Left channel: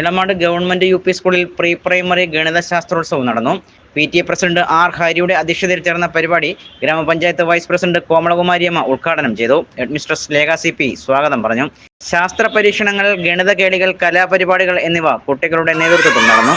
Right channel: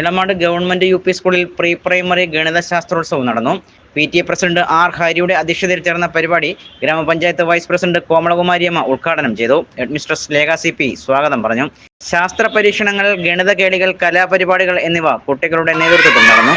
Elamad government U P സ്കൂളിൽ pre primary ഗണിതശാസ്ത്രോത്സവം നടന്നു. PTA president R ഹരിയുടെ അധ്യക്ഷതയിൽ ചേർന്ന പരിപാടി ഗ്രാമപഞ്ചായത്ത് വൈസ് പ്രസിഡന്റ് കോമളകുമാരിയമ്മ ഉദ്ഘാടനം ചെയ്തു. ഹെഡ്മിസ്ട്രസ് ലേഖ CP സ്വാഗതം പറഞ്ഞു. ശാസ്ത്ര പരീക്ഷണങ്ങൾ, ഗണിത കേളികൾ, കലാപരിപാടികൾ എന്നിവ കുട്ടികളുടെ നേതൃത്വത്തിൽ നടന്നു.